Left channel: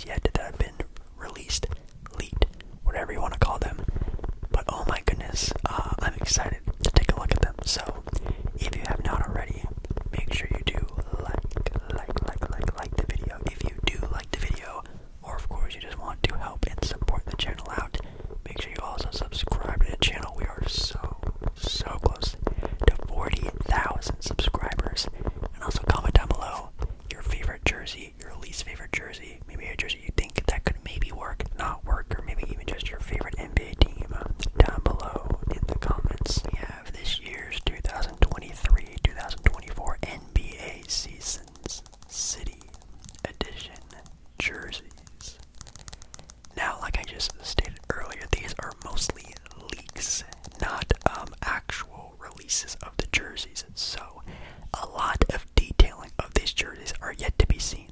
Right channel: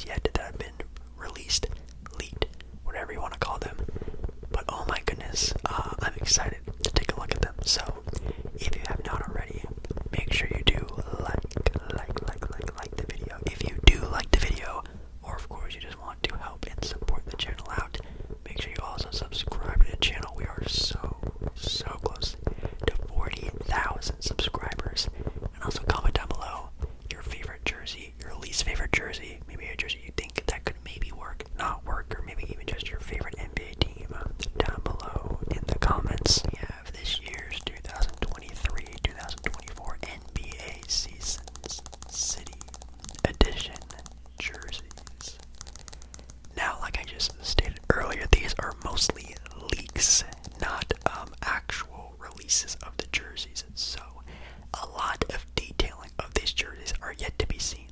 jerseys yet that have been released, leaked, whatever you want to call them. But oh my goodness, I'm excited to take a look at them. So if you have not already, make sure you do like the video. If you do like the video, or of course you just want to help and support the channel out, make sure you also subscribe to the channel. We are so close to 40,000 subscribers. And also comment down below your favorite jersey, your least favorite jersey, maybe a jersey you think that could maybe work, not work, or maybe even just your favorite NBA team down below in the comments. We have this year's 2023-2024 NBA Seasons City Edition jerseys. Now, like I just stated earlier, these are mostly leaks, not actual releases of the jerseys. So a lot of detailing of these jerseys are yet to be seen.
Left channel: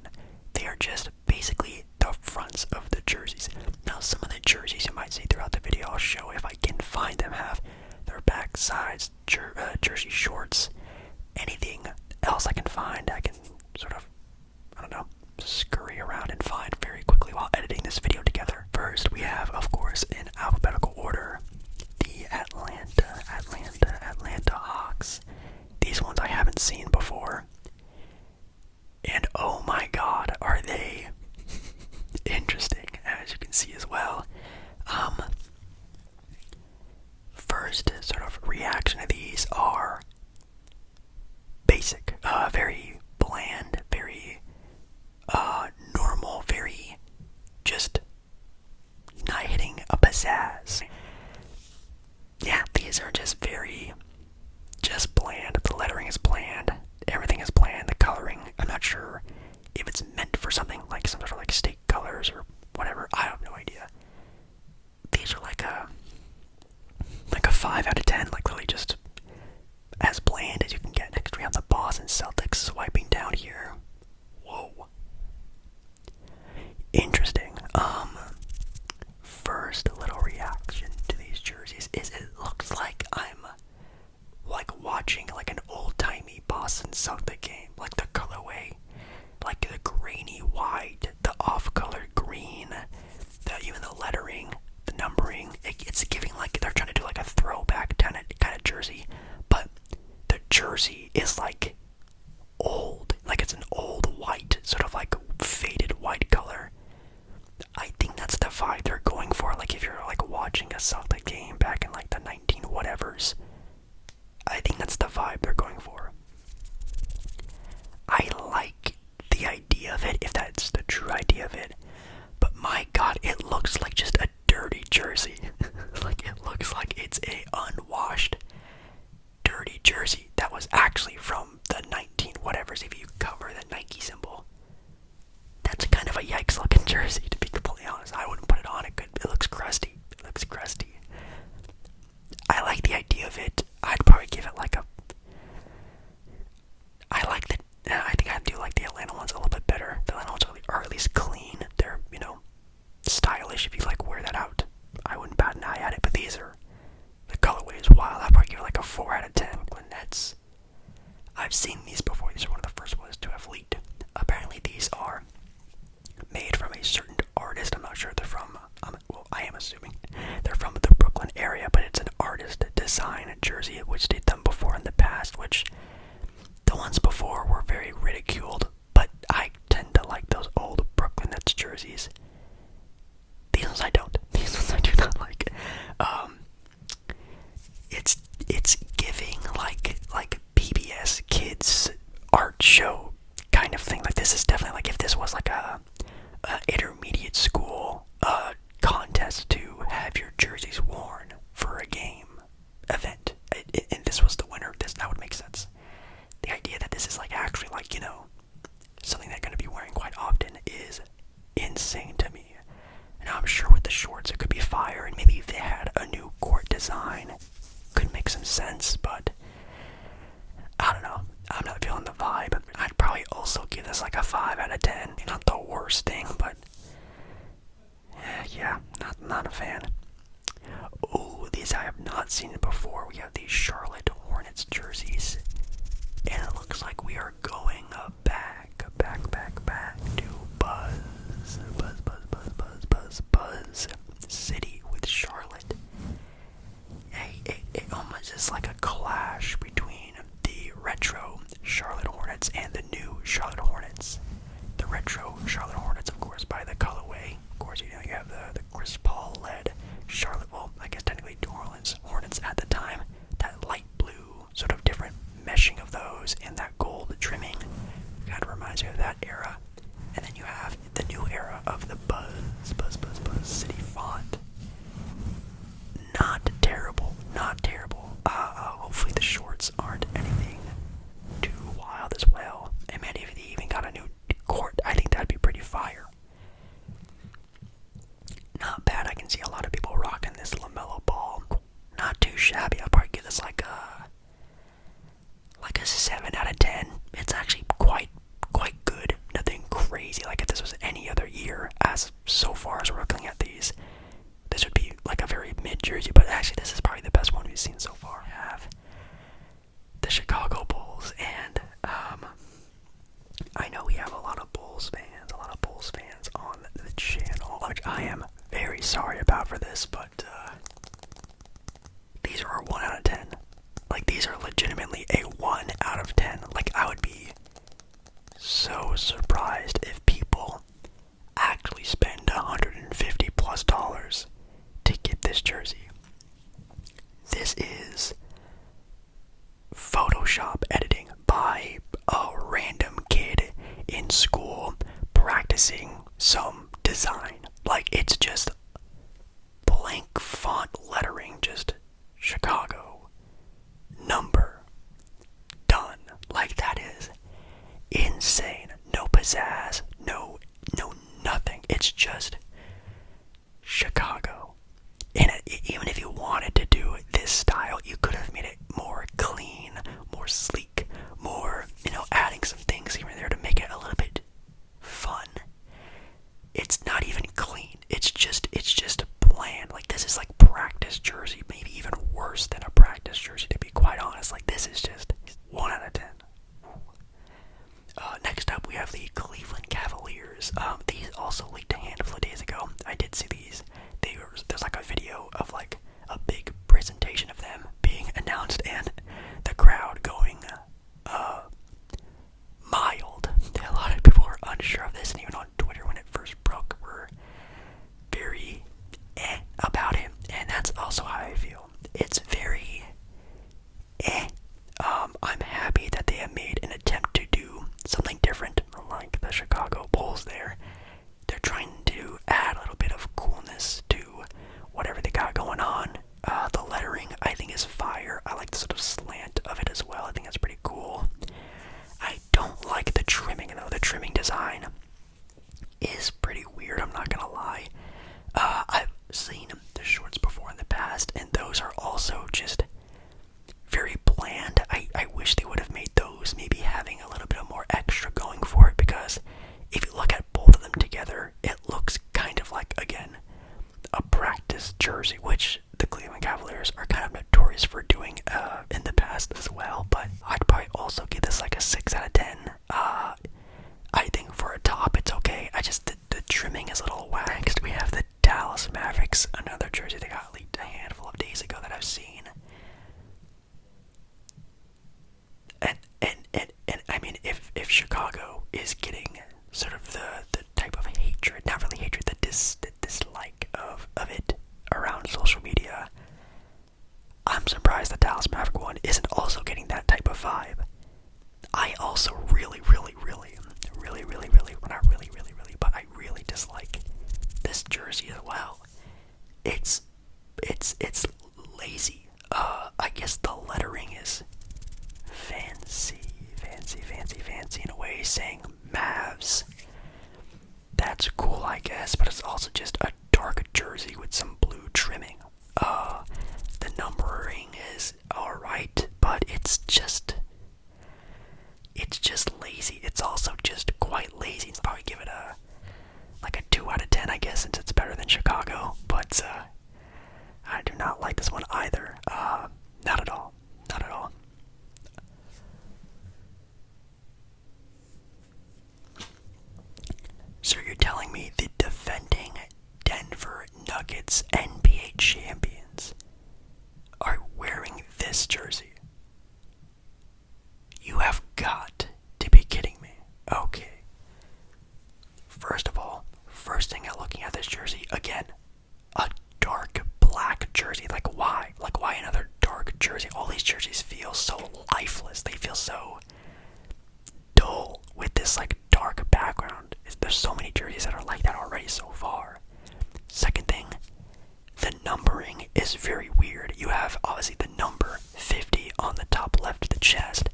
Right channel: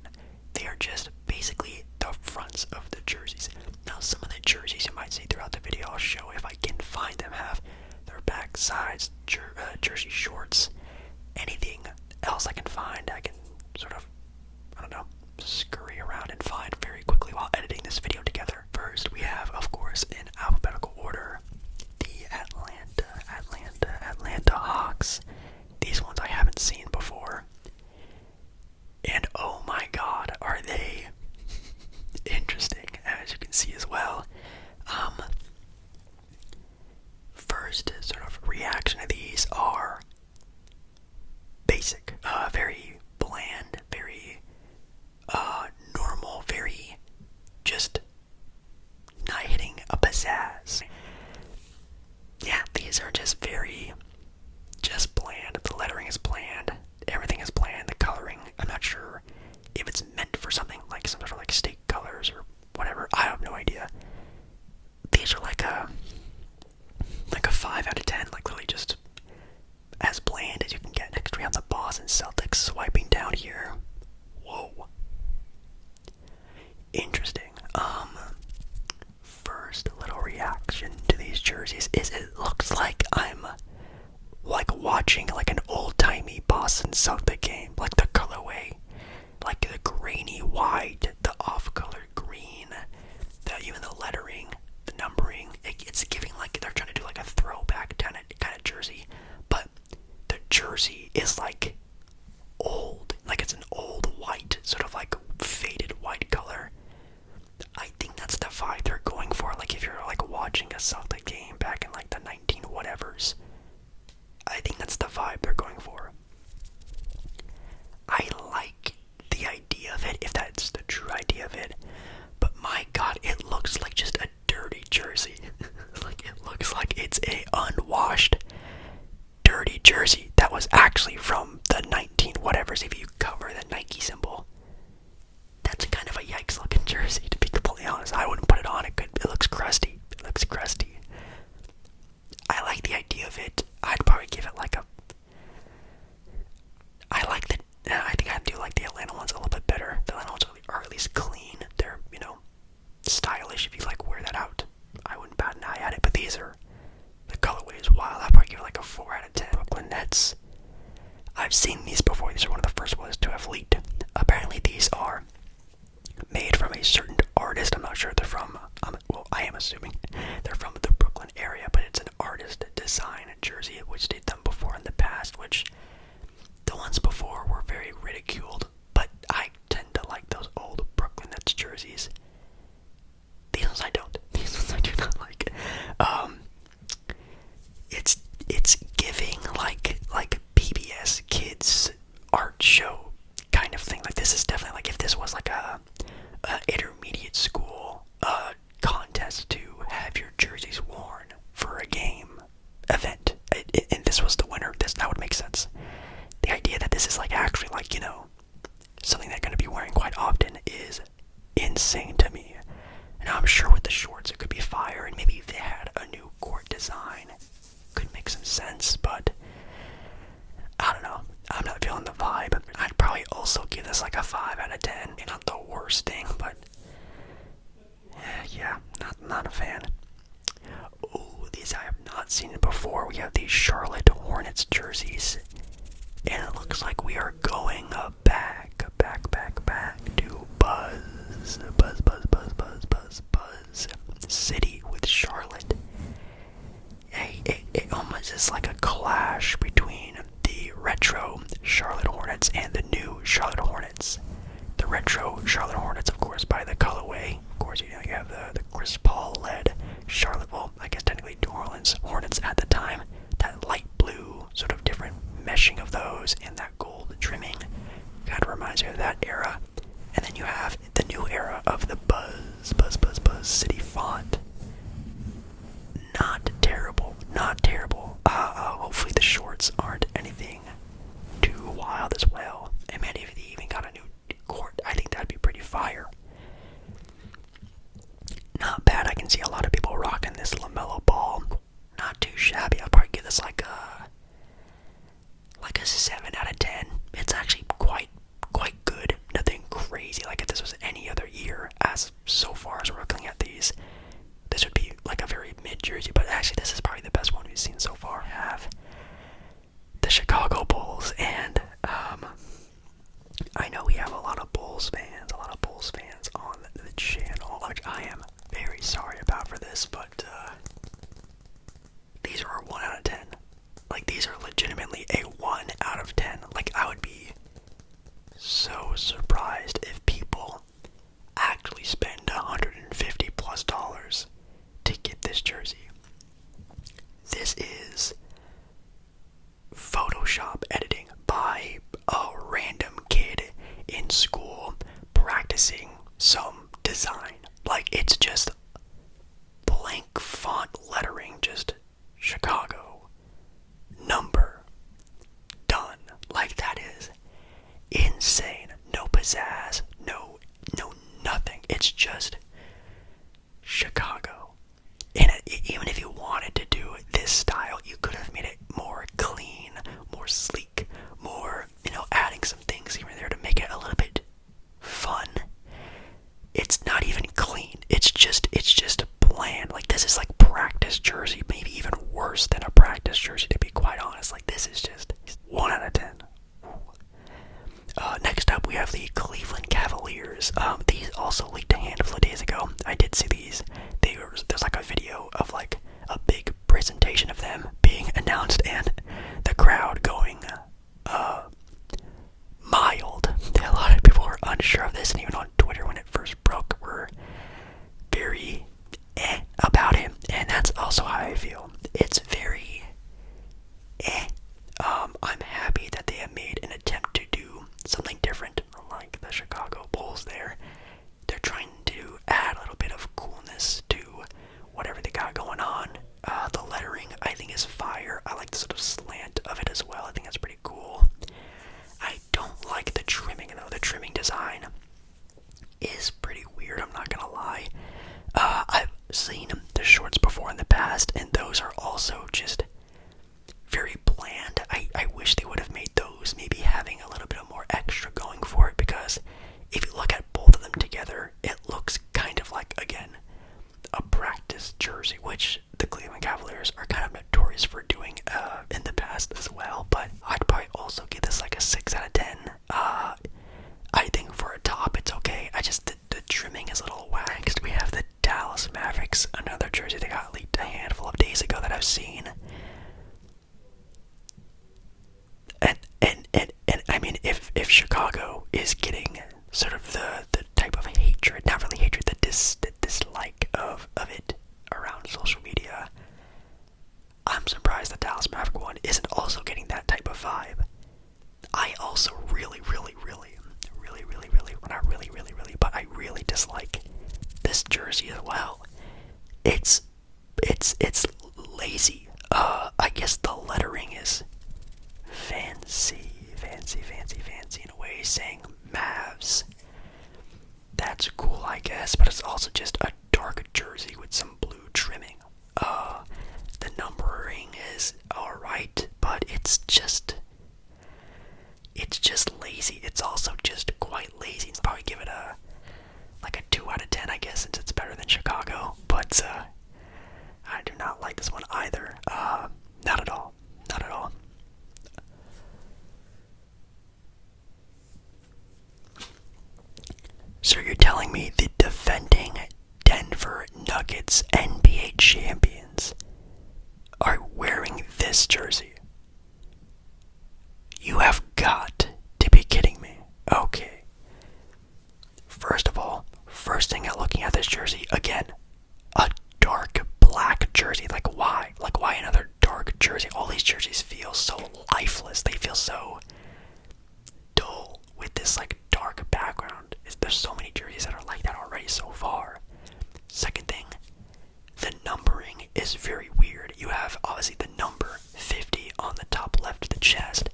They are just basically the fronts of the jerseys. Now, some of the jerseys you might see throughout the video, I'll show if I can find them, have their back sides, jersey shorts, anything else I can find. I can sort of, I don't know, scurry around and find very quickly while editing this video together. First, we have, of course, in alphabetical order, the Atlanta Hawks. These ones I haven't seen before. And oh my god, are they interesting, as you can see as well. First sort of reaction to these are basic, very bland, very normal, very just not hitting a pizzazz. Yeah, these are just very bland. The lettering is bland. Everything is bland. The coloring, I'm not sure if it's meant for something like some sort of like steak colors or whatever. I have no idea. These are like a 5 out of 10, like literally just as bland as you can get. Next we have the Boston Celtics swiping down here. Whoa. Interesting. First little reaction to these jerseys is it looks like I'm like watching like an old-timey Boston Celtic game. Like the colorway, like the grainy white, the off-colored green, even the lettering, the numbering, it's giving like they're trying to do like a throwback kind of jersey, but the jersey is like old, like it's an old white, sort of like faded white color. I think that's the vibe they're going for. Like if you're like watching a Celtic game back in like the 19 whatevers, I think that's the vibe they're going for. I like the idea of it, if that's the true idea of it, but my god, it looks like just a dirty jersey. Like it looks like it's a unwashed, dirty jersey that was actually from the 19 whatevers. If you cover the Nike symbol, that's kind of a yikes looking jersey, to be completely honest. I wouldn't put it on. It looks crusty. It looks crusty. I like the idea of it. I'd probably give it like a, I think I do like the Atlanta ones a little bit better. The Atlanta ones are at least clean. They're, stylish if you like wear that out. I wouldn't bat an eye at it, but these are, the colorway is wild. I'd probably give it like a 4 out of 10. Brooklyn Nets. I've seen these before. These are one of the first ones to have leaked. Apparently these are made from a certain artist. I'm not sure if they're from, well, I am assuming they're from the Brooklyn area, but it's an artist design jersey, which they've done before in the past, which the ones before were very ridiculed, but I tend to like those old Brooklyn Nets jerseys. These ones I don't. These ones I do not like. It's giving like PBS Kids art show kind of thing. Like this is definitely like if this was like a intermediate school contest to have your jerseys worn for a game event, and this was the winner, that would make sense. The idea that this is like actually like, something they're going to be wearing quite often is insane to me. And I'm sure with the shorts it could be fire, and maybe if they had a new court design could make some sense, but I don't know. I'm not feeling the vibe. I'd probably also give this like a 5 out of 10. Not the worst thing, but yeah, not a fan. Oh, these I have not seen before. We have these Charlotte Hornets jerseys, and it looks like we are going back to Buzz. I am very sorry about for this, but these are a 1 out of 10. Like, these are legitimately a 1 out of 10. Like, I would be so surprised if people actually spend $150 plus to get this jersey. This is Photoshop editing by a random kid in school practicing some design. Like, it's just blank font lettering, just Chicago, number, done. Like, that is insane. No pizzazz, no nothing. It's just Chicago. And even if you wanted to do this style, you could have made it more clean, more sleek, more, adding some things here and there to make it a little bit fun. It's not even clean. It's just bland. Like, this is like practice jersey, maybe even worse than a practice jersey, to be quite honest. Like, this is just 1 out of 10. Next up, we have the Cleveland Cavaliers. These also leaked a handful of days ago. I did see these. There's like a video of like a big presentation of them being announced and the crowd going mild. A lot of people were unsure of this, and even on Twitter when it first broke were very about it, and that's also how I feel. It's very I'm happy that they have made an attempt to do something different, like the Chicago Bulls there. They're trying to add a little bit of coolness to whatever they got going on. The lettering, I think, is fire. I like the sort of slant of it as well. I think that's pretty cool. I don't like the trimming, though. The trimming design is pretty weird, I'm not gonna lie. I've seen the shorts before in the past, and those are also just very bland. I wish they would have made those maybe having a little bit more extra going for it, because if you look at both of them together, it looks kind of like, again, a practice jersey, which the Cleveland Cavaliers are kind of notorious for doing in the past as well. But I'd probably also give this like a 6 out of 10. I think for a top, it's okay. The trimming is a little waxed. We have the Dallas Mavericks, another jersey that got leaked a handful of days ago that I've seen. And I mean, if Chicago is getting sort of the type of hatred, not really hatred, the dislike of it around social media, I'm surprised the Dallas Maverick one isn't also getting that type of vibe. I also really, but I really dislike this jersey as well. It's lazy. I guess the lettering is fancy in a way, saying Mavs. That's cool, I guess, but it's also just a dark jersey with some blue trimming. The numbering is alright, but it's just lazy. It's also just quite lazy. I'll probably give it a 2 out of 10, I guess, since it's better than Chicago. But I do not like this one either. Not at all. So you're telling me the defending Denver Nuggets NBA champions are wearing this jersey? You have got to be kidding me. Okay. First of all, first thing at looking at this jersey, again, a dark black jersey. Like, why? Like, why another dark jersey? All these jerseys feel so lifeless. They feel so dull with this, dark background. There's so many jerseys that are like that already so far. Second thing, the numbering is very weird. You have, obviously, the number 50 on the top left of the chest,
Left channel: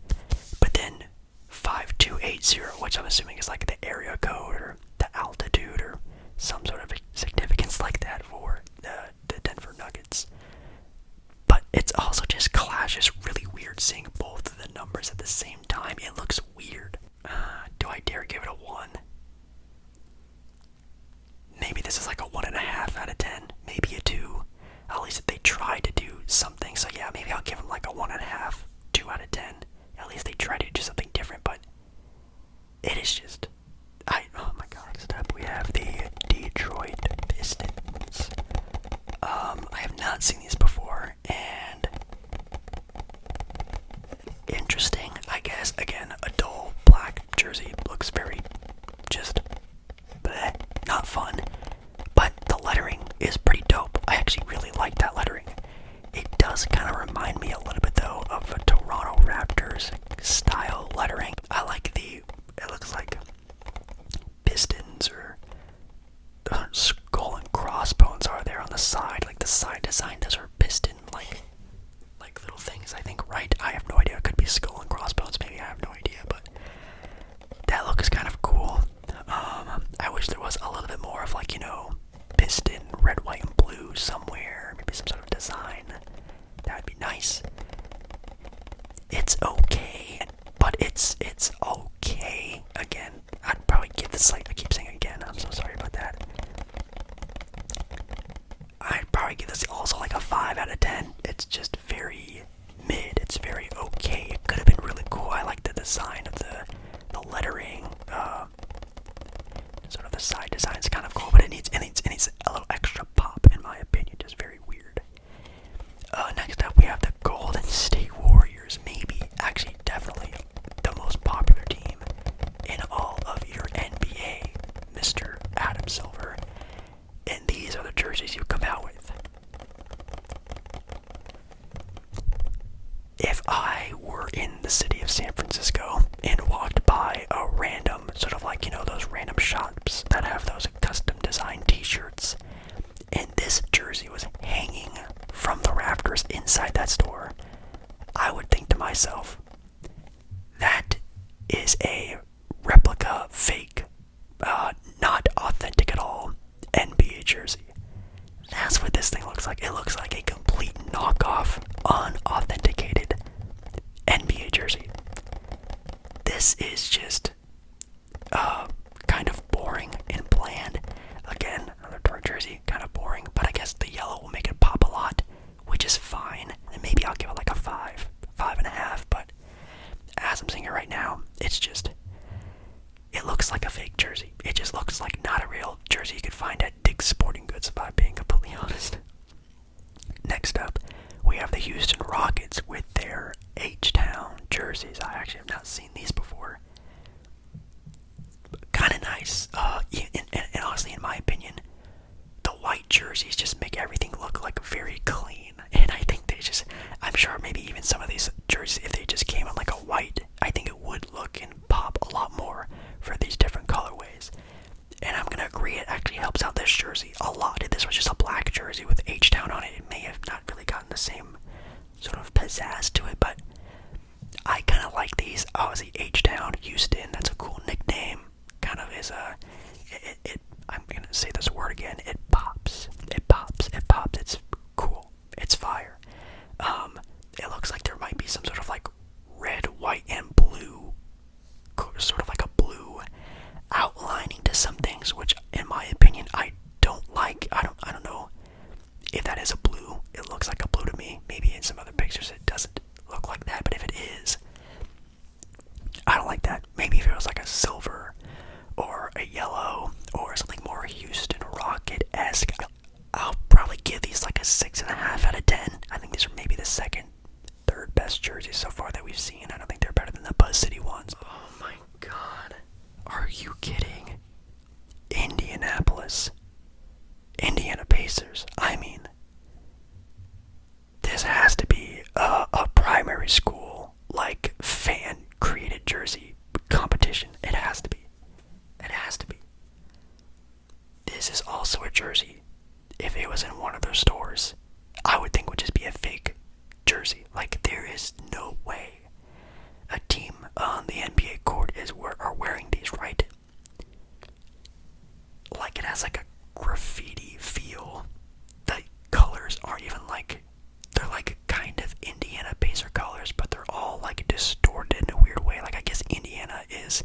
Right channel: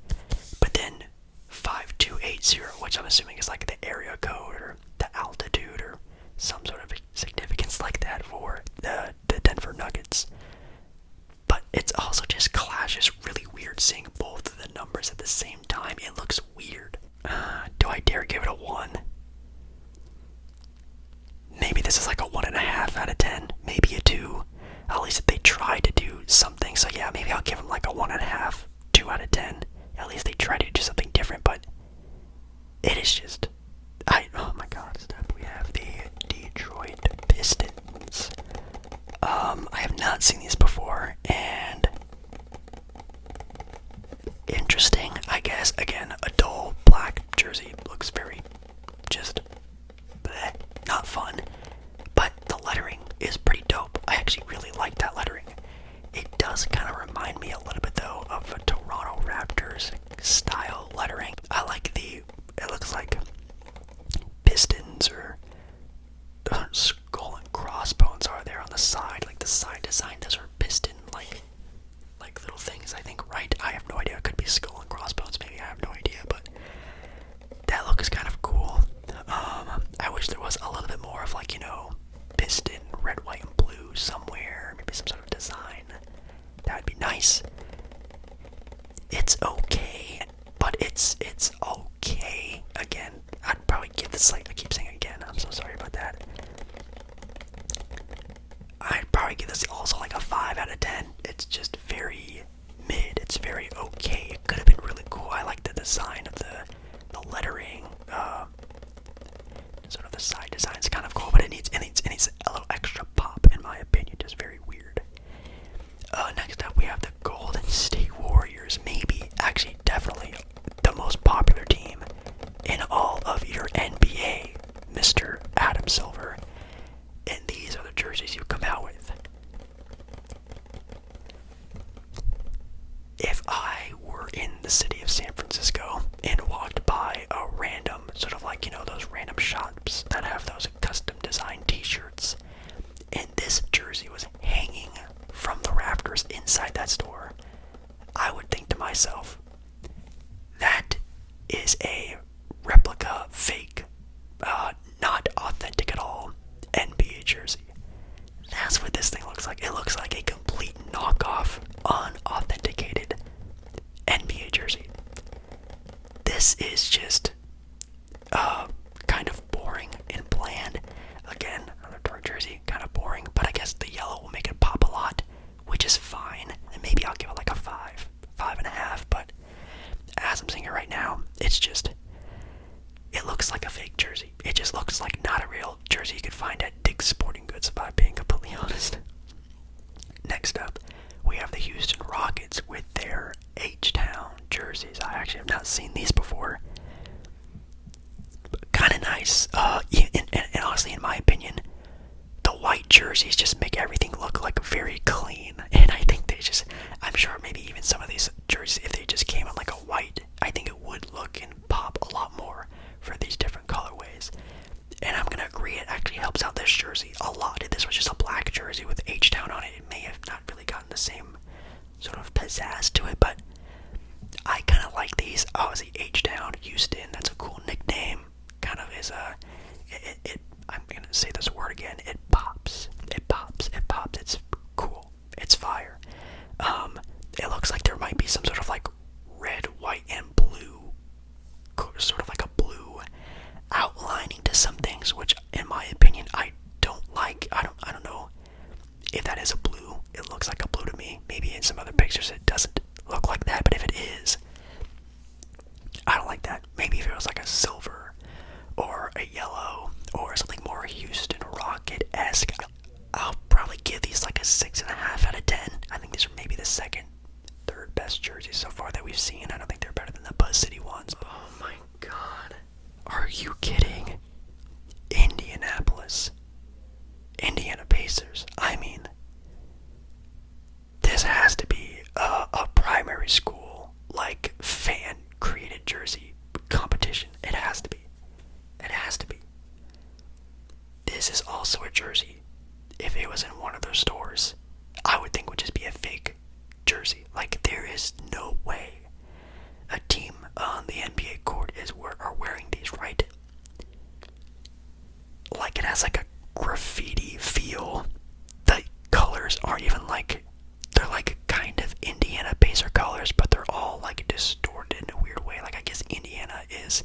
but then 5280, which I'm assuming is like the area code or the altitude or some sort of significance like that for the Denver Nuggets. But it's also just clashes really weird seeing both of the numbers at the same time. It looks weird. Do I dare give it a 1? Maybe this is like a 1.5 out of 10. Maybe a 2. At least they tried to do something. So yeah, maybe I'll give them like a 1.5, 2 out of 10. At least they tried to do something different, but it is just... oh my god, step. We have the Detroit Pistons. seen these before, and interesting, I guess. Again, a dull black jersey looks very just bleh, not fun, but the lettering is pretty dope. I actually really like that lettering. It does kind of remind me a little bit though of a Toronto Raptors style lettering. I like it looks like Pistons or skull and crossbones are there on the side, like the side design. Those are piston like little things, I think, right? I have no idea. It could be skull and crossbones, maybe. I have no idea, but that look is kind of cool. I wish there was a little bit more of like, piston, red, white, and blue somewhere. Maybe some sort of design. That would be nice. It's okay, but it's okay. Again, I'd probably give this, like, I keep saying it again, I'm so sorry about that. I'd probably give this also like a 5 out of 10. It's just very mid. It's very okay. It could have been really cool. I like the design of the lettering. Sort of the side design is kind of cool, but it needs a little extra pop, in my opinion. Just very weird. Next up, we have the Golden State Warriors. Maybe, actually, definitely the most popular team in all of your NBA, Mr. Adam Silver. And these are the jerseys you come out with. If I were in the city of San Francisco and walked by a random, sort of like, those random shops that have those custom designed t-shirts, and this jersey was hanging from the rafters inside that store, I would think to myself, that is a replica, fake, not authentic at all NBA jersey. That's what this thing looks like. It looks like a complete knockoff, unauthenticated NBA jersey. This is just kind of boring and bland. Again, another dark jersey, kind of boring, but I guess the yellow will make it pop a lot, which is fine. And maybe I'll give it like a 5, 5.5, but as I'm saying it right now, it's just, it looks like a fake jersey. It just looks like not a real jersey you could find at Dick's Sporting Goods, if I'm being completely honest. Next up, we have the Houston Rockets with their H-Town jerseys. I actually have not seen these before. Kind of nice. And honestly, in my opinion, the white jerseys just make everything look like very clean. And I think I'm sure maybe even some of these jerseys, if they just came on like a white, I think it would look and pop a lot more for these different colorways. And I'm gonna agree, it actually helps out this jersey a lot. If this was just a black jersey with H-Town on it, it may have not really gotten the same sort of pizzazz to it, but I kind of like these. Obviously, H-Town, Houston, that's a cool nickname. Kind of is I'm gonna say this word again, it pops. It pops. It's cool. It's fire. It looks like there might be some sort of like red, white, and blue, sort of like a blue outlining to some things, which in my opinion I don't like. I don't know if that is a blue. It looks like a blue to me. Maybe in some other pictures it doesn't look like that, but if it is, I don't like that. Maybe if it was like a silver or a yellow or something more Houston Rocket-esque, I'll probably give these like a 6.5 out of 10. I think these are maybe the second, third best jerseys so far that we've seen. I don't think they're better than the Buzz City ones. Oh my god. Are you kidding? Indianapolis. Indiana Pacers. I mean, this has to be a primary school, like, fan-created jersey competition. It has to be. It has to be. This is also a jersey, if it was in one of those stores, I would think would just be a fake jersey. Like, there is no way a team on the NBA court are wearing these, right? Like, it has like a graffiti feel. The colors aren't even like, they're like kind of Indiana Pacer colors, but they're all like distorted in a weird way. Like, I guess Indiana is,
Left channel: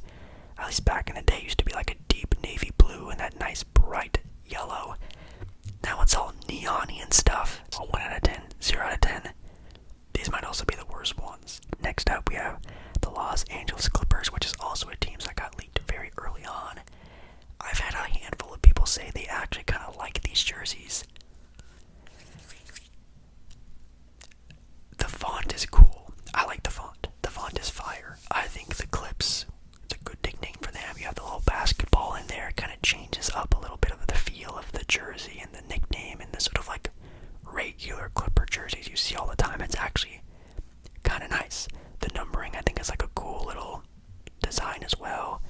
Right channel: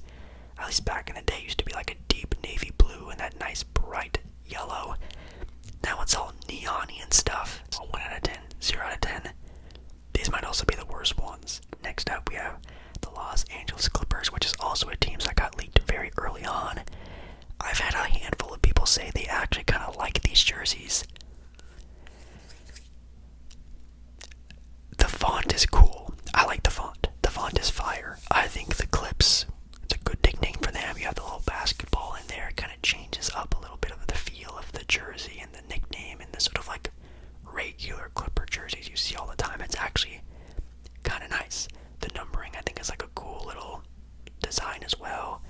at least back in the day, used to be like a deep navy blue and that nice bright yellow. Now it's all neon-y and stuff. So 1 out of 10, 0 out of 10. These might also be the worst ones. Next up, we have the Los Angeles Clippers, which is also a team that got leaked very early on. I've had a handful of people say they actually kind of like these jerseys. jersey and the nickname and the sort of like regular Clipper jerseys you see all the time. It's actually kind of nice. The numbering, I think, is like a cool little design as well.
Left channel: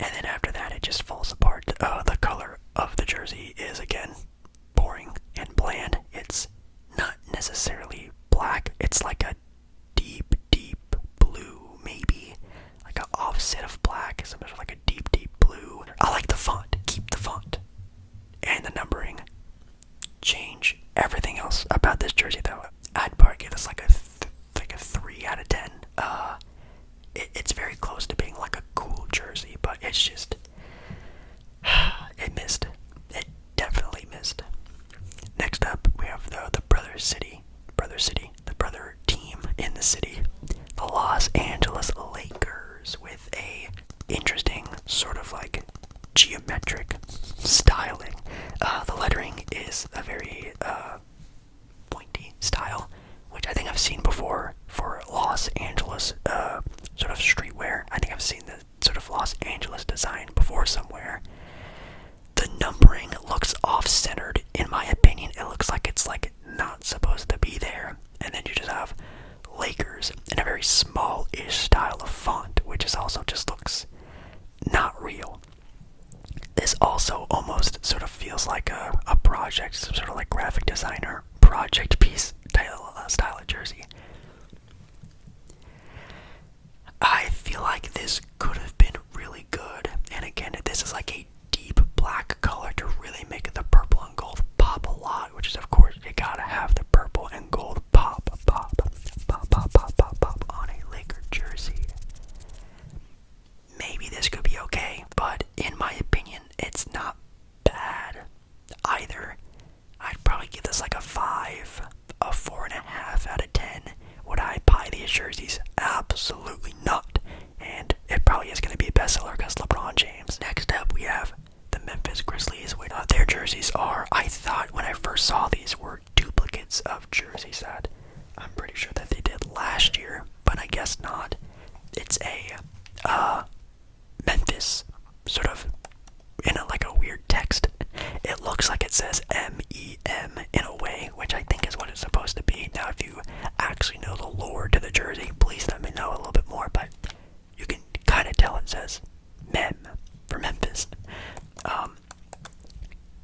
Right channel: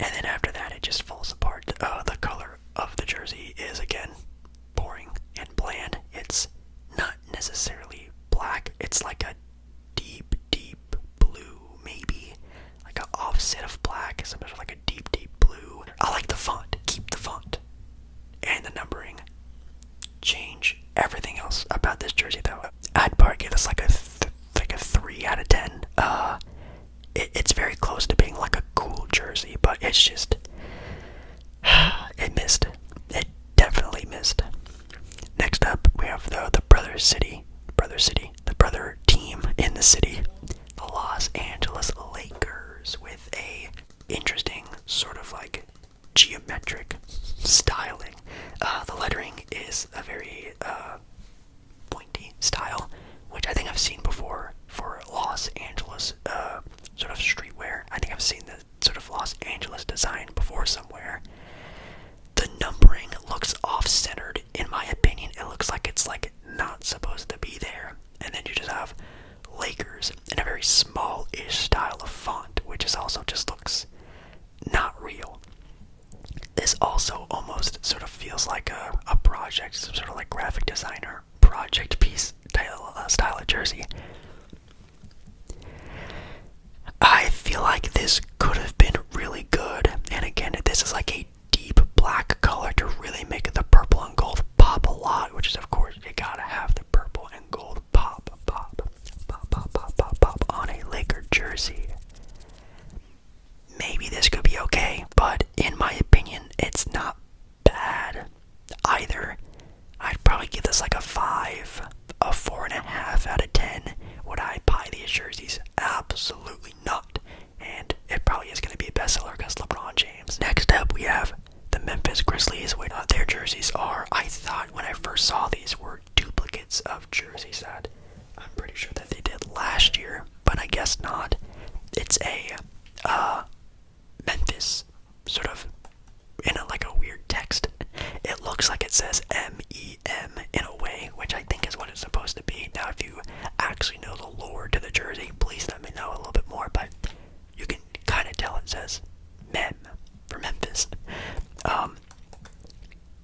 And then after that, it just falls apart. The color of the jersey is, again, boring and bland. It's not necessarily black. It's like a deep, deep blue, maybe. Like an offset of black, something like a deep, deep blue. I like the font. Keep the font. And the numbering. Change everything else about this jersey, though. I'd probably give this like a 3 out of 10. It's very close to being like a cool jersey, but it's just, it missed. It definitely missed. Next up, we have the brother team in the city, the Los Angeles Lakers, with a interesting sort of like geometric styling. The lettering is a very pointy style, which I think I've seen before for Los Angeles sort of streetwear. I think I've seen the sort of Los Angeles design before somewhere. The numbering looks off-centered, in my opinion. It looks like it's like not supposed to be there. And then you just have Lakers in a very small-ish style of font, which is also just looks not real. This also almost sort of feels like a project, some sort of like graphic designer project piece style of jersey. I feel like this could have been really good, and again, this is like a deep black color to really make the purple and gold pop a lot, which is, of course, you gotta have the purple and gold pop on a Laker jersey. Maybe this could be okay, but in my opinion, it's not bad either. I'd probably give this like a 5, a 4.5 out of 10. Would I buy these jerseys? Absolutely not. And it probably is going to be a bestseller because LeBron James. Next up, we have the Memphis Grizzlies. Their jerseys are, I thought when I first saw these, were duplicates of jerseys that I'm pretty sure that they did last year, but I guess not. It's a Memphis sort of in like a weird text. It looks like it says M-E-M in a way, which I think is what it's supposed to be. Now, if you actually know the lore to the jersey, please let me know a little bit more, but you can kind of tell it says Mem for Memphis.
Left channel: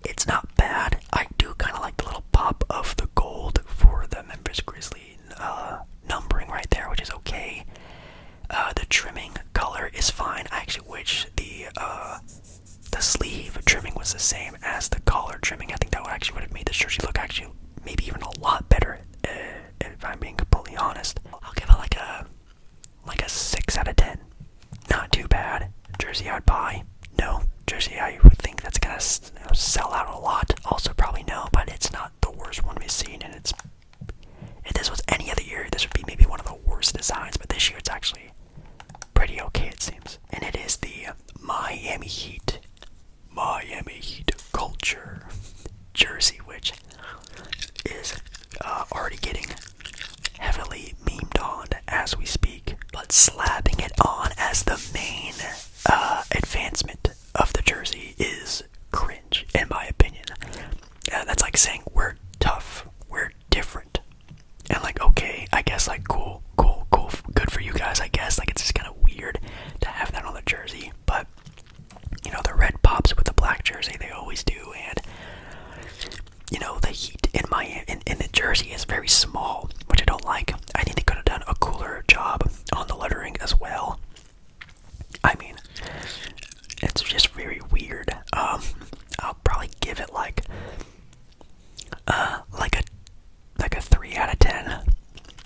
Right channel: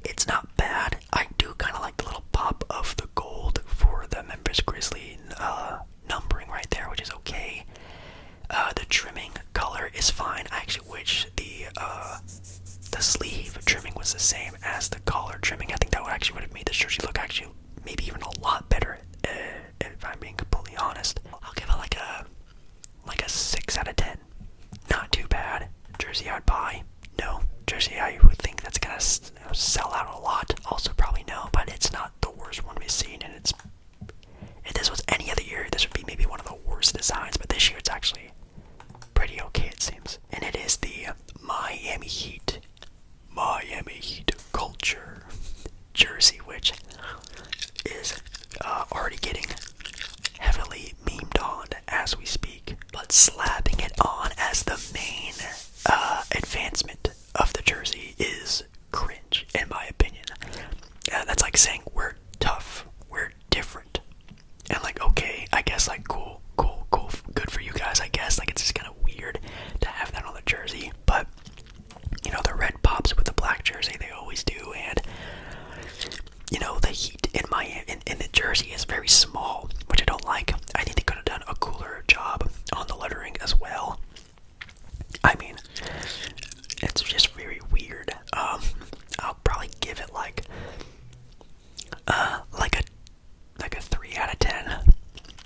It's not bad. I do kind of like the little pop of the gold for the Memphis Grizzlies numbering right there, which is okay. The trimming color is fine. I actually wish the sleeve trimming was the same as the collar trimming. I think that would have made the jersey look actually maybe even a lot better, if I'm being completely honest. I'll give it like a 6 out of 10. Not too bad. Jersey I'd buy? No. Jersey I would think that's gonna sell out a lot? Also probably no, but it's not the worst one we've seen, and if this was any other year, this would be maybe one of the worst designs, but this year it's actually pretty okay, it seems. And it is the Miami Heat culture jersey, which is already getting heavily memed on as we speak, but slapping it on as the main advancement of the jersey is cringe, in my opinion. That's like saying we're tough, we're different, and like, okay, I guess like cool, good for you guys, I guess. Like, it's just kind of weird to have that on the jersey, but you know, the red pops with the black jersey, they always do, and you know, the Heat in the jersey is very small, which I don't like. I think they could have done a cooler job on the lettering as well. I mean, it's just very weird. I'll probably give it like a 3 out of 10.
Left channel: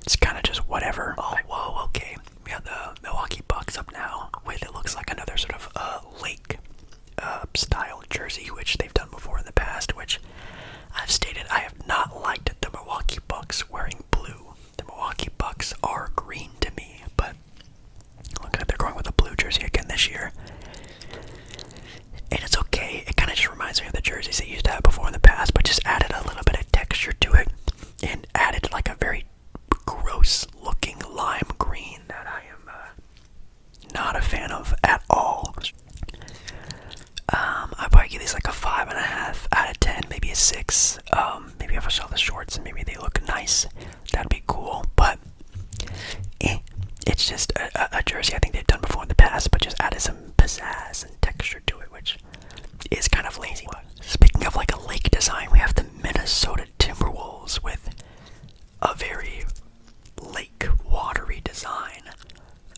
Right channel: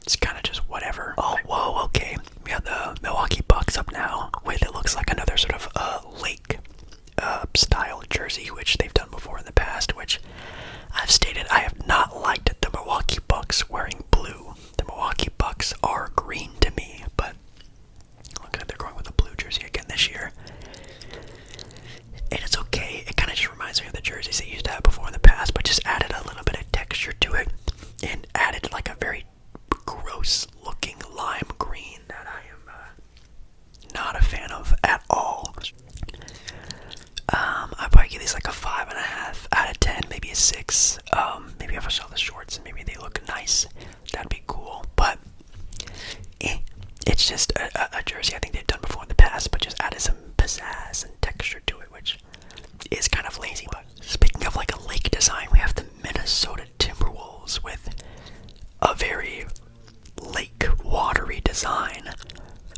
It's kind of just whatever. Oh, whoa, okay. We have the Milwaukee Bucks up now with, it looks like another sort of lake style jersey, which they've done before in the past, which I've stated I have not liked the Milwaukee Bucks wearing blue. The Milwaukee Bucks are green to me, but look at, they're going with a blue jersey again this year. And it's okay. It kind of just reminds me of the jerseys they used to have before in the past, but just added a little bit of texture to it and added like a very gross looking lime green that I am not a fan of at all. I'd probably give these like a 5.5 out of 10, maybe a 6. Maybe if I saw the shorts and maybe they look nice, that'd be cool. But it's just a jersey I think they've done before in the past, but just added some pizzazz and texture to it, which is kind of lazy. But speaking of like a lake design, we have the Minnesota Timberwolves with a very lake watery design.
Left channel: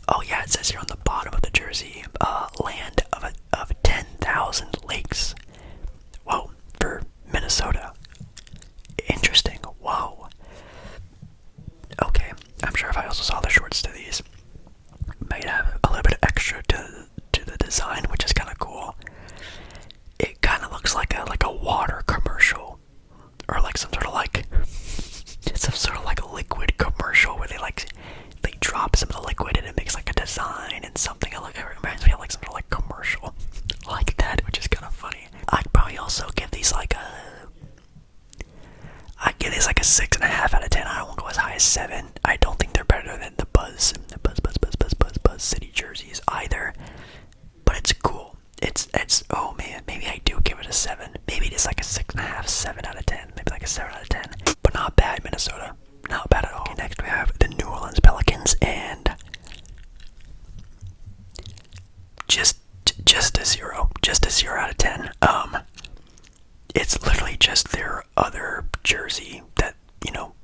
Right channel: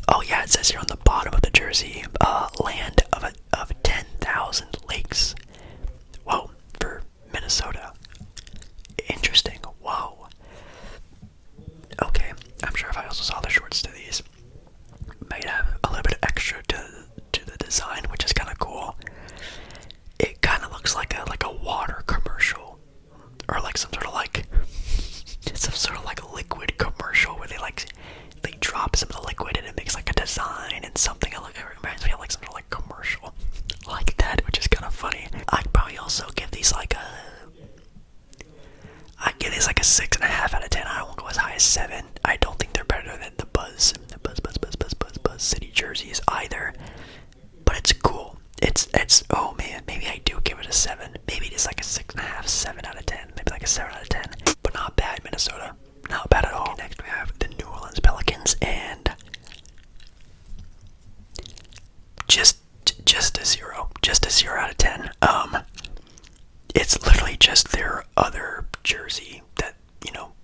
Oh yeah, it says here on the bottom of the jersey, land of 10,000 lakes. Whoa, for Minnesota. Interesting. Whoa. Okay, I'm sure if I also saw the shorts to these, might have a little bit extra to the design, which is kind of cool. It kind of looks like a water commercial, or like some sort of like liquid commercial where they drop some of the liquid and it makes like a design and something. It reminds me of like some sort of like commercial like that, which is kind of funny. I'd probably also give these like a 6.5 out of 10. I won't go as high as 7. I don't think they're better than the Buzz City jerseys either. But it's cool. It's oh man, maybe I do give it a 7. Maybe it's like a 6.5, 7 out of 10. Maybe like a 7 out of 10. But not bad, Minnesota. Not bad at all. Okay, next we have the New Orleans Pelicans, and just a 0. Just a 0 out of 10. It's literally just their other jersey that,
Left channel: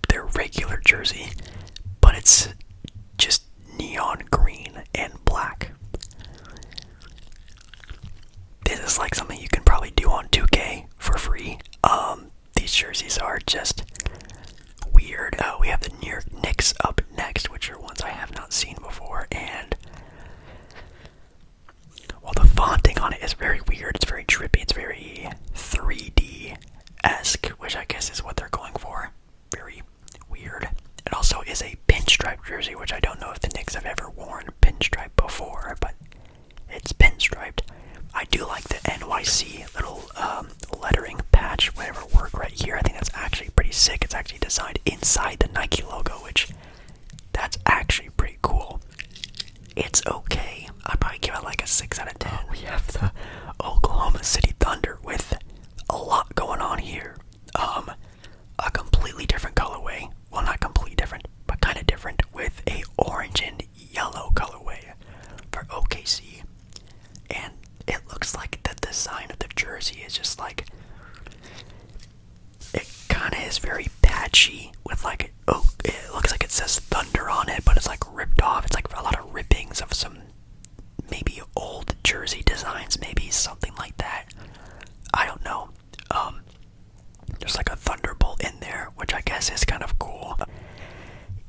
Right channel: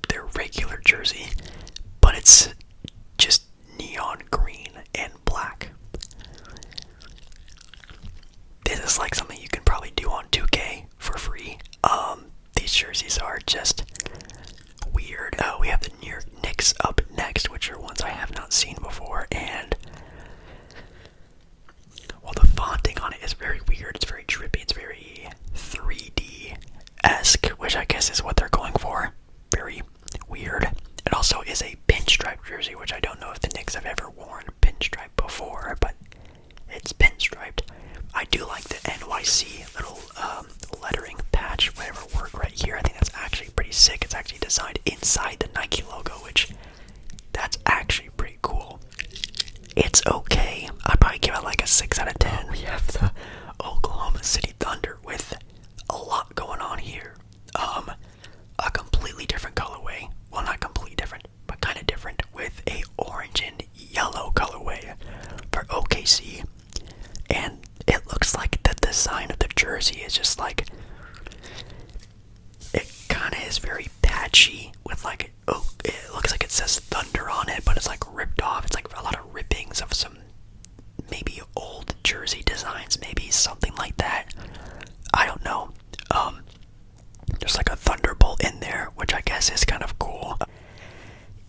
their regular jersey, but it's just neon green and black. This is like something you can probably do on 2K for free. These jerseys are just weird. We have the New York Knicks up next, which are ones I have not seen before, and well, the fonting on it is very weird. It's very trippy. It's very 3D-esque, which I guess is what they're going for. Very weird. It also is a pinstripe jersey, which I don't know if the Knicks have ever worn pinstripe before, but it's pinstriped. I do like the NYC little lettering patch, whatever word right here. I think that's actually pretty sick. It's actually designed inside the Nike logo, which that's actually pretty cool. It's okay. I'd probably give it like a 6 out of 10. We have the Oklahoma City Thunder with a lot going on here. A completely different colorway. Well, not completely different, but kind of different, with a orange and yellow colorway for OKC. And it looks like the design of the jersey is just like, it kind of is very patchy with like, it looks like it says Thunder on it, but it's like ripped off. It's like a lot of rippings of some maybe old jersey designs, maybe something like that. I don't know. There's like a thunderbolt in there, which I guess is kind of cool.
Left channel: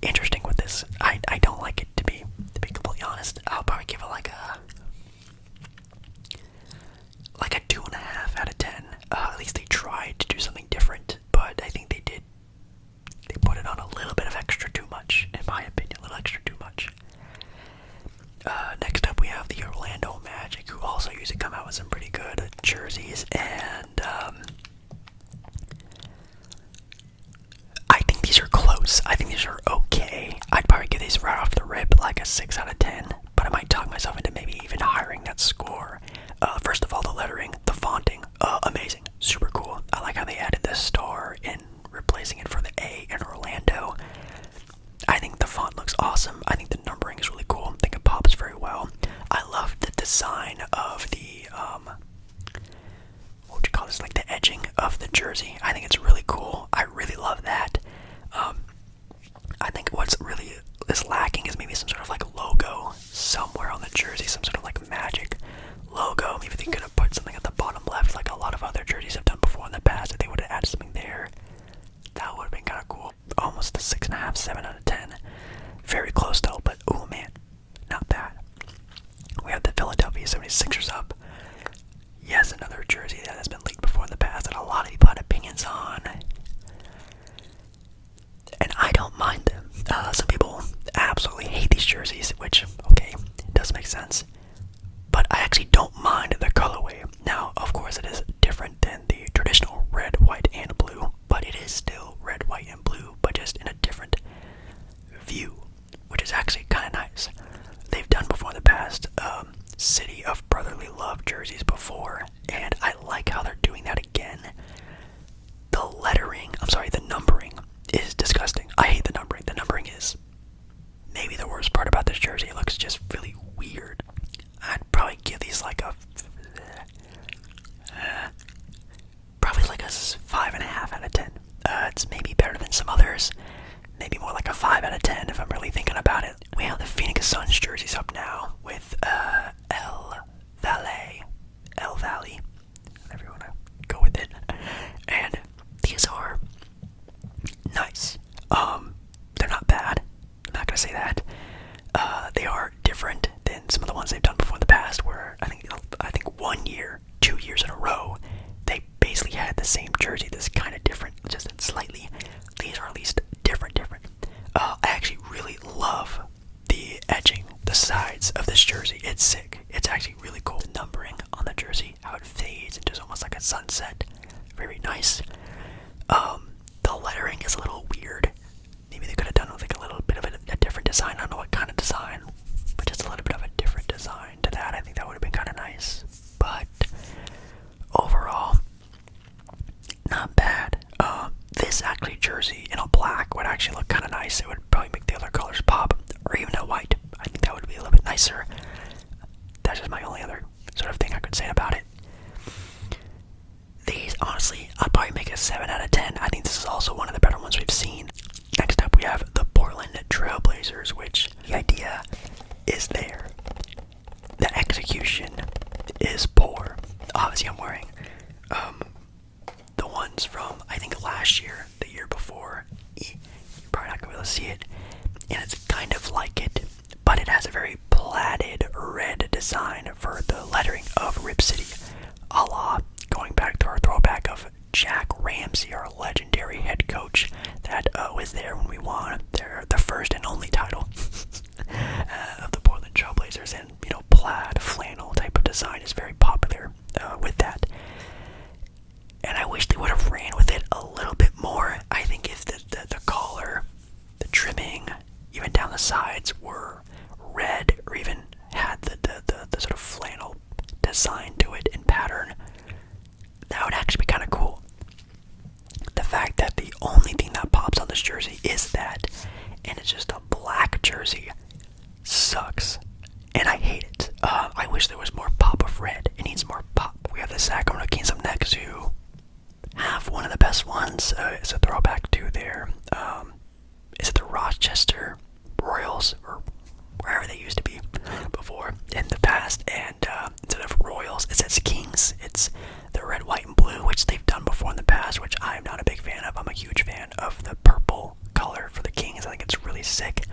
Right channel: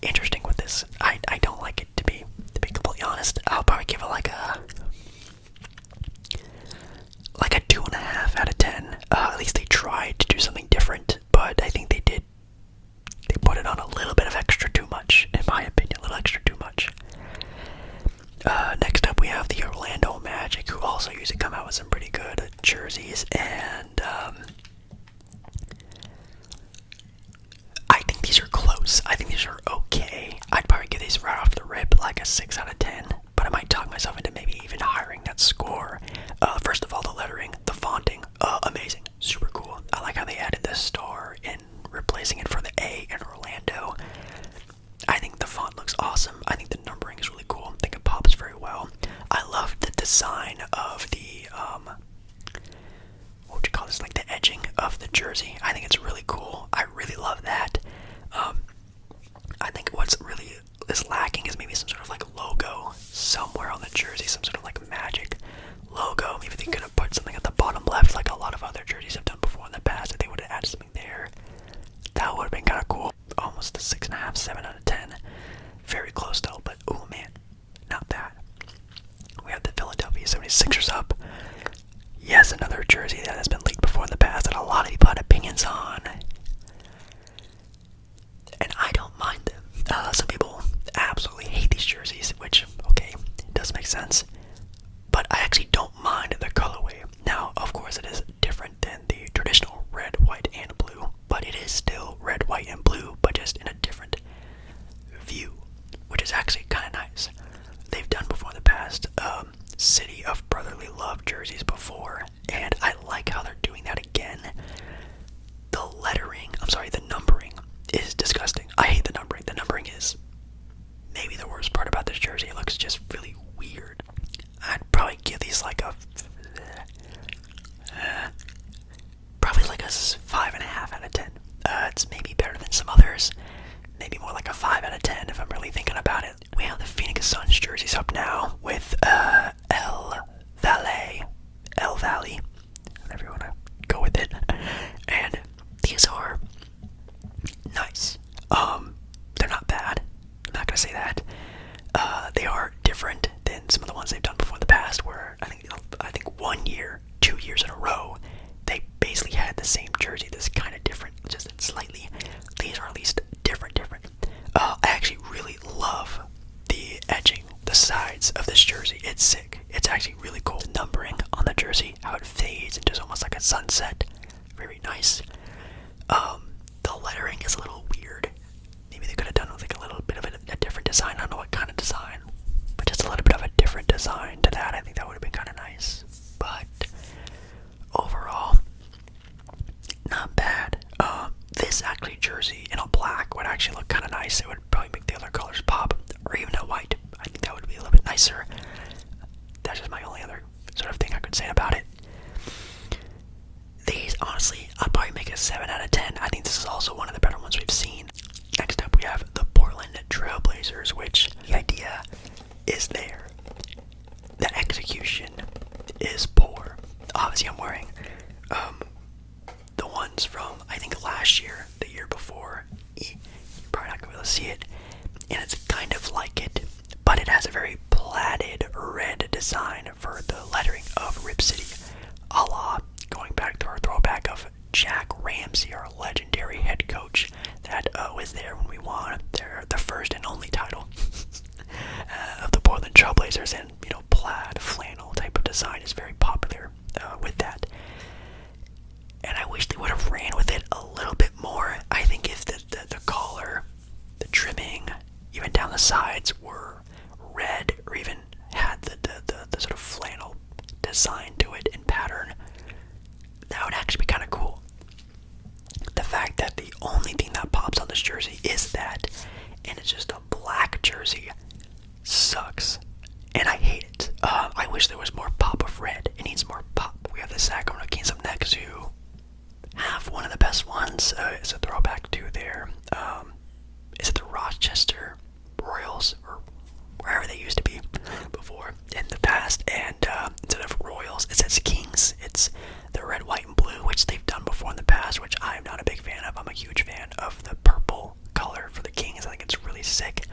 Interesting with this. I don't like it, to be completely honest. I'll probably give it like a 2.5 out of 10. At least they tried to do something different, but I think they put it on a little bit of extra too much, in my opinion, a little extra too much. Next up we have the Orlando Magic, who also usually come out with some pretty good jerseys, and I think these are close. I think these are okay. I'd probably give these right off the rip like a 6 out of 10, but I might talk myself into maybe even hiring that score. First of all, the lettering, the fonting, amazing, super cool. I like how they added the star in replacing it for the A in Orlando. I think the font looks awesome. I think the numbering is really cool. I think it pops very well. I love the design of the, what would you call this, like the edging of the jersey. I think it's really cool. I really love that. I think what's really is lacking is maybe some sort of like logo somewhere on the jersey, some sort of like Magic logo. Maybe they could have put something at the bottom left like a lot of other jerseys have done before in the past. If they would have added something there, that would have been kind of cool. Almost a 6.5, 7 out of 10. Very close though, but oh man, not bad. We have the Philadelphia 76ers up. Yes, another jersey that has been leaked before in the past that a lot of people had opinions on. And I don't mind them. Some people absolutely this 5.5 out of 10. It's maybe better than some others. Maybe more like a 5 out of 10 if I'm really thinking about it. We have the Phoenix Suns jerseys up now with El Valley, whatever you want to go with it. And these are nice. They're not bad. I'm not gonna say that. They are different than some of the ones they've done before in the past, where I think 1 year, 2 years in a row, they basically had the same jersey. This is kind of different, just slightly. These are at least different. I actually really love the edging, the sides of this jersey. It's sick. It's actually really cool. The numbering on the jersey, how it fades into almost like a sunset. Very nice. The lettering is a little weird. Maybe they could have done with like a little bit of a different design. I don't know what kind of design, but just a little bit of a different design to that. I think that would have been kind of nice. But overall, not bad. This actually jersey in a black would actually look kind of nice. It would probably make the other colors pop, or even a white. I think that would be a little bit nicer. That's just my only other sort of thing I could say about it. These, honestly, I'd probably make a 7 out of 10. I think this is also one of the better ones we've seen. Next up, we have the Portland Trailblazers, which the idea is there. The execution is poor. Obviously, I'm wearing the ones from, I think, last year, the year before. You're probably not going to be able to see it. And it's kind of like it, but it has a very platted red design for the lettering of Rip City, a la going back to our throwback of Jack Ramsey, our legendary head coach that was there when we won the first and only title of the Portland Trailblazers. And, plaid flannel type of design is very popular with that. And I wish they would have ran with it a little bit more. I think if the collar, the trimming, even down the sides were red, or even had the sort of flannel design to it in pattern, that would actually be kind of cool. The fact that the only thing that pops on this jersey is that, and it's just a black jersey, sucks. And I hate it. I wish there was more pop of red. It needs more pop. We have the Sacramento Kings up next, who have one of the best ones. It's a throwback to their, is it the Rochester Royals, or wherever they used to be before in the past. And instead of Royals, it says Kings. It's the red, white, and blue, which they've done before in the past, which I'm not a big fan of. I'm a huge fan of the purple color for the Kings. I think it's really sick.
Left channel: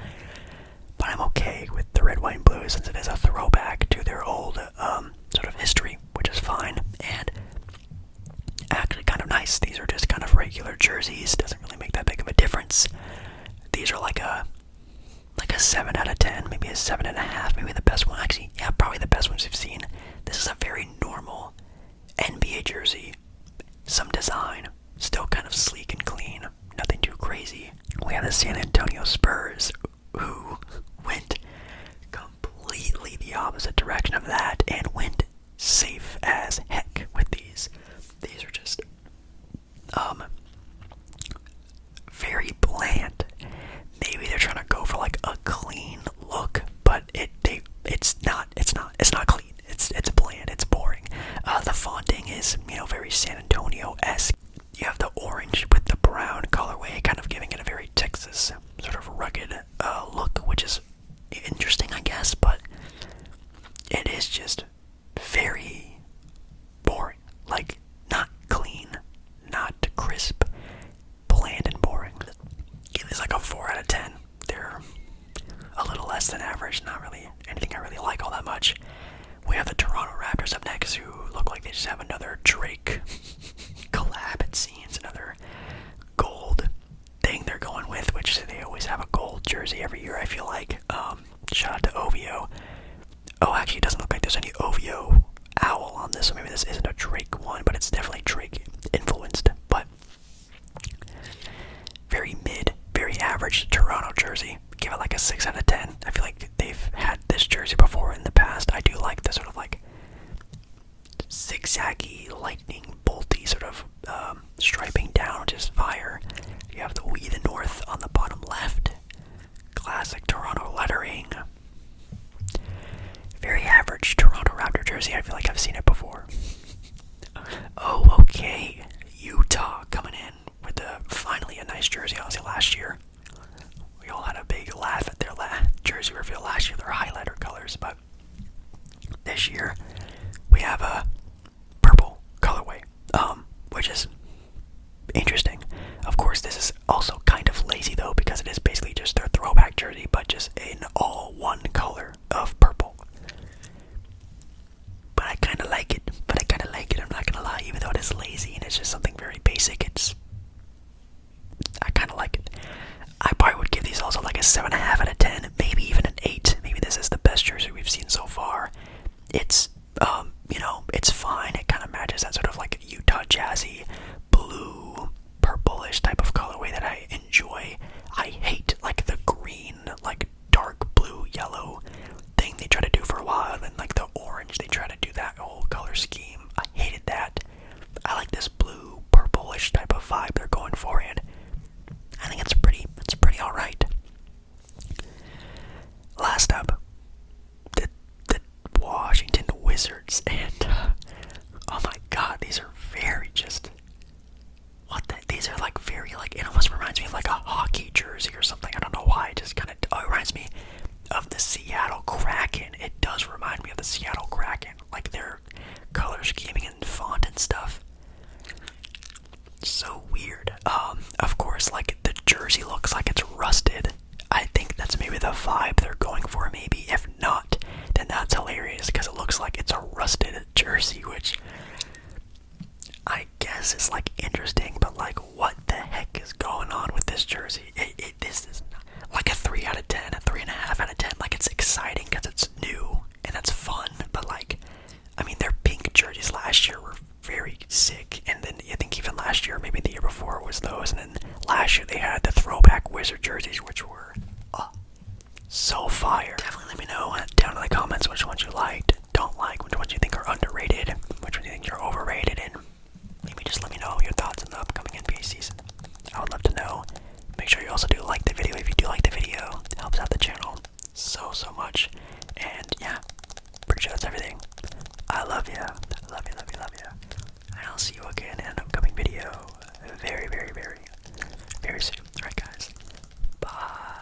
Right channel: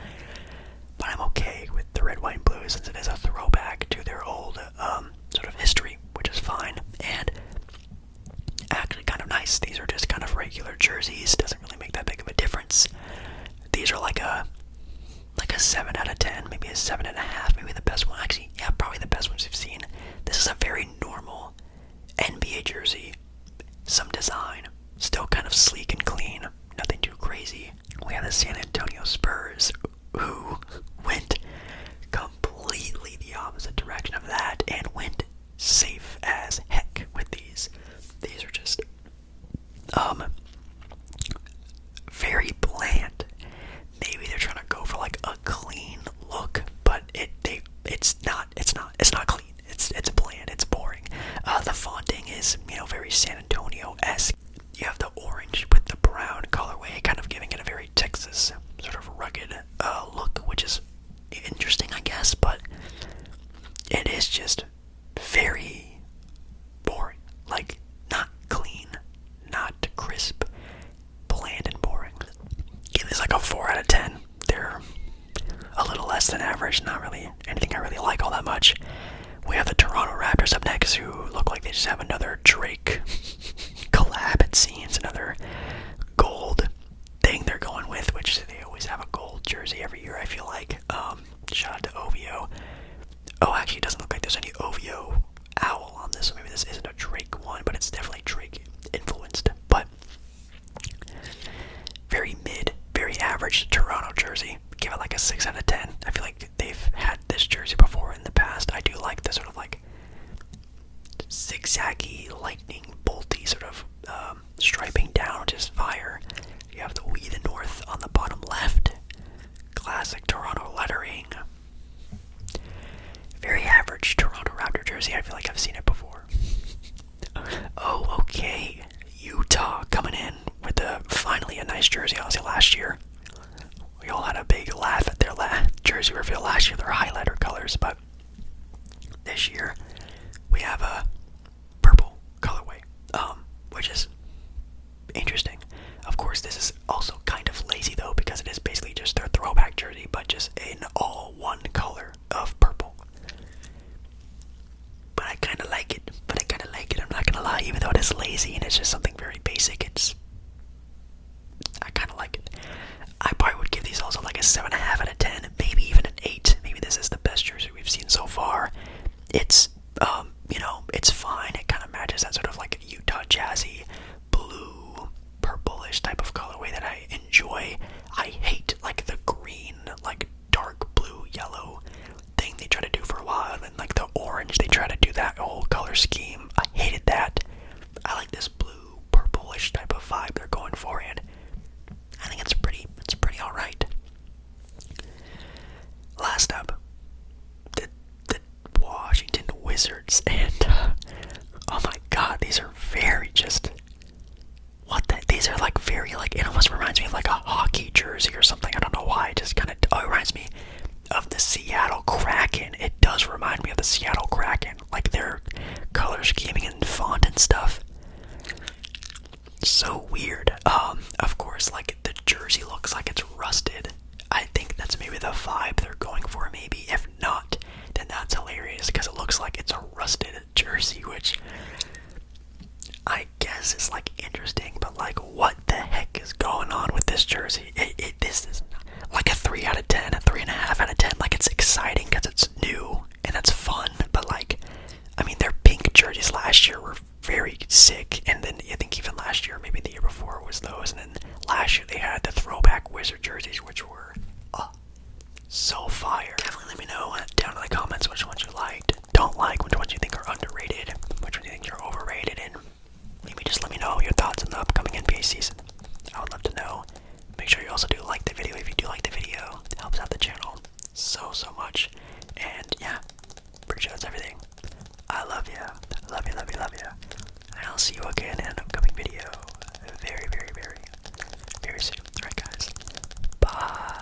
But I'm okay with the red, white, and blue since it is a throwback to their old sort of history, which is fine. And actually kind of nice. These are just kind of regular jerseys. Doesn't really make that big of a difference. These are like a 7 out of 10, maybe a 7.5, maybe the best one. Actually, yeah, probably the best ones we've seen. This is a very normal NBA jersey. Some design, still kind of sleek and clean. Nothing too crazy. We have the San Antonio Spurs, who went completely the opposite direction of that and went safe as heck with these. These are just very bland. Maybe they're trying to go for like a clean look, but it's not clean. It's bland. It's boring. The fonting is very San Antonio-esque. You have the orange with the brown colorway, kind of giving it a very Texas sort of rugged look, which is interesting, I guess, but it is just very boring. Like, not clean, not crisp, bland and boring. Give this like a 4 out of 10. They're a little less than average, not really anything I really like all that much. We have the Toronto Raptors up next, who look like they just have another Drake collab, it seems, another gold thing they're going with, which they always have a gold jersey every year, I feel like. Shout out to OVO. Oh, actually, it doesn't look like there's any OVO owl on this, so maybe this isn't a Drake one, but it's definitely Drake influenced. But very mid, very average Toronto jersey. Give it like a 6 out of 10. I feel like they've had this jersey before in the past. I do like the sort of like zigzaggy, lightning bolty sort of striping down, which is fire. You have the We the North on the bottom left. Classic Toronto lettering. Very average Toronto Raptor jersey. I feel like I've seen it before. Oh, okay. Utah finally a nice jersey. Honestly, last year we all had a big laugh at their jersey reveal last year, their highlighter colors, but this year we have a purple colorway, which is interesting. Of course, this is also kind of lazy though, because it is basically just their throwback jersey, but just in all one color of purple. But I kind of like it. I'm not gonna lie, even though it is lazy and it's just something very basic. I kind of like it. I probably would give these also like a 7.5 out of 10, maybe even an 8. Maybe this is the best jersey we've seen so far. It's it's fine. It kind of matches that sort of like Utah Jazzy blue purplish type of colorway that I enjoy. I hate like the green, like dark blue yellow thing they try to do for a while, and like the orange they try to do that whole color scheme. I hated that. I like this blue purplish type of vibe they're going for, and I think it's pretty alright. Last up, the Washington Wizards, and oh my god, these are very just these are like very like, it almost reminds me of like a hockey jersey or something. I don't know why. It just kind of it reminds me of the Seattle Kraken. It does remind me of the Seattle Kraken, like their color scheming and font and stuff. So weird. Of course, like the jersey looks like it's rusted. I think that's maybe the vibe they're going for. Maybe if not, then that's hilarious because it looks like it's a rusted jersey, which I guess is like interesting. But like, what the heck is going on with this jersey? This is like a 3 out of 10, a 3.5 out of 10. Like, it's exciting because it's new and it's fun. But like, I mean, their pink jerseys last year were very sick, and then I think even last year, maybe the year before, was those, and then last year they had the throwback Wizard jerseys, which were so fire. Definitely let me know down in the comments which ones you liked, don't like, which ones you think are underrated, which ones you think are overrated, and maybe just let me know your thoughts on the upcoming NBA season. I would love to know. Make sure you also do like the video. If you do like the video, it helps out the channel so much. And yeah, pretty sure that's everything. I love you. Love you. And I'll see you again in an upcoming video very soon. Alright guys. Bye.